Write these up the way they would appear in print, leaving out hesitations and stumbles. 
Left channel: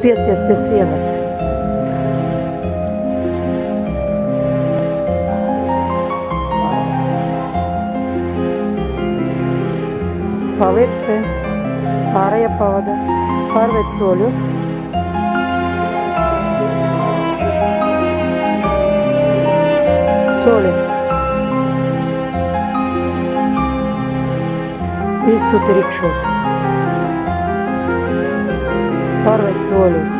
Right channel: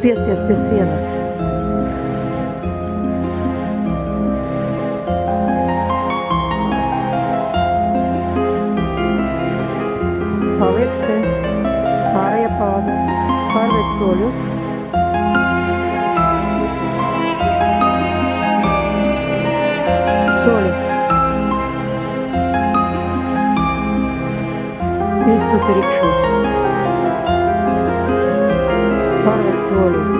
Spiesties pie sienas. Paliec te. Ārējā pavada. Pārveic soļus. Soļi. Izsūti rikšos. Pārveic soļus.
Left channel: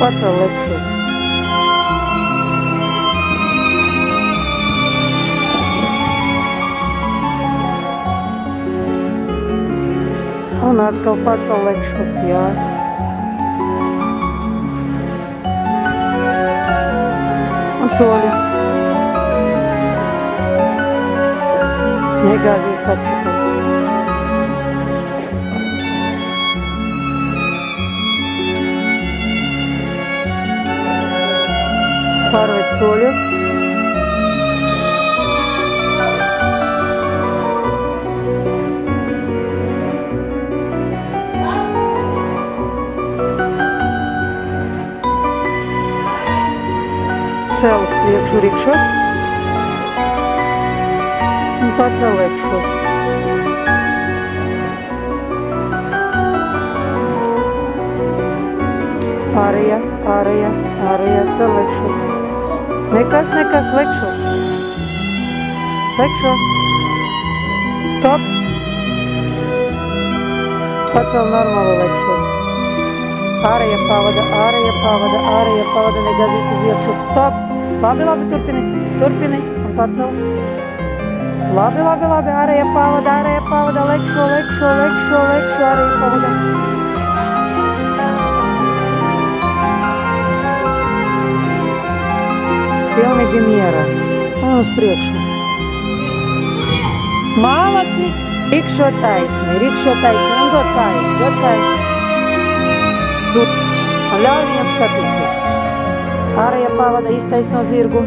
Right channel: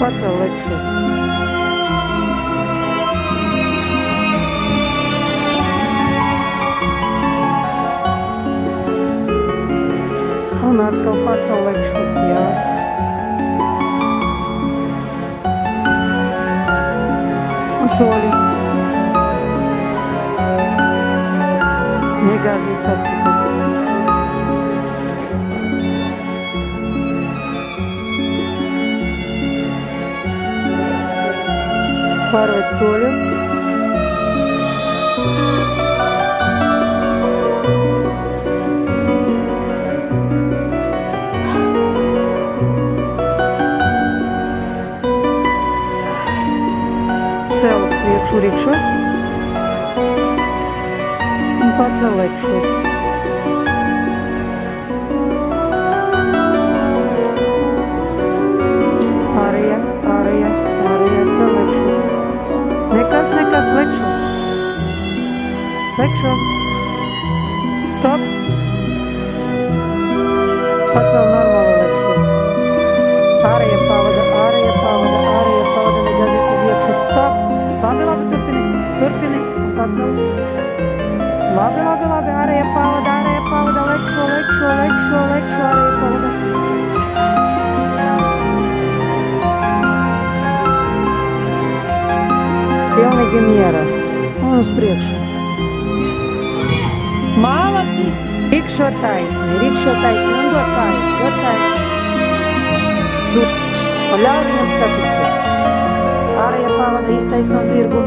Pacel lekšos. Un atkal pacel lekšos, jā. Un soļi. Negāzies atpakaļ. Pārveic soļus. Cel uz priekšu rikšos un pacel lekšos. Ārējā, ārējā, ārējā, cel lekšos. Nekas, lekšo. Lekšo. Stop. Pacel normāli lekšos. Ārējā pavada, negāzīs uz iekšu. Stop. Labi, turpini un pacel. Labi, ārējā pavada, lekšo, ārējā pavada. Pilnīgi miera. Un uz priekšu. Malacis. Rikšo taisni, un dod kāju. Un ļauj viņam skatīties. Ārējā pavada iztaisno zirgu.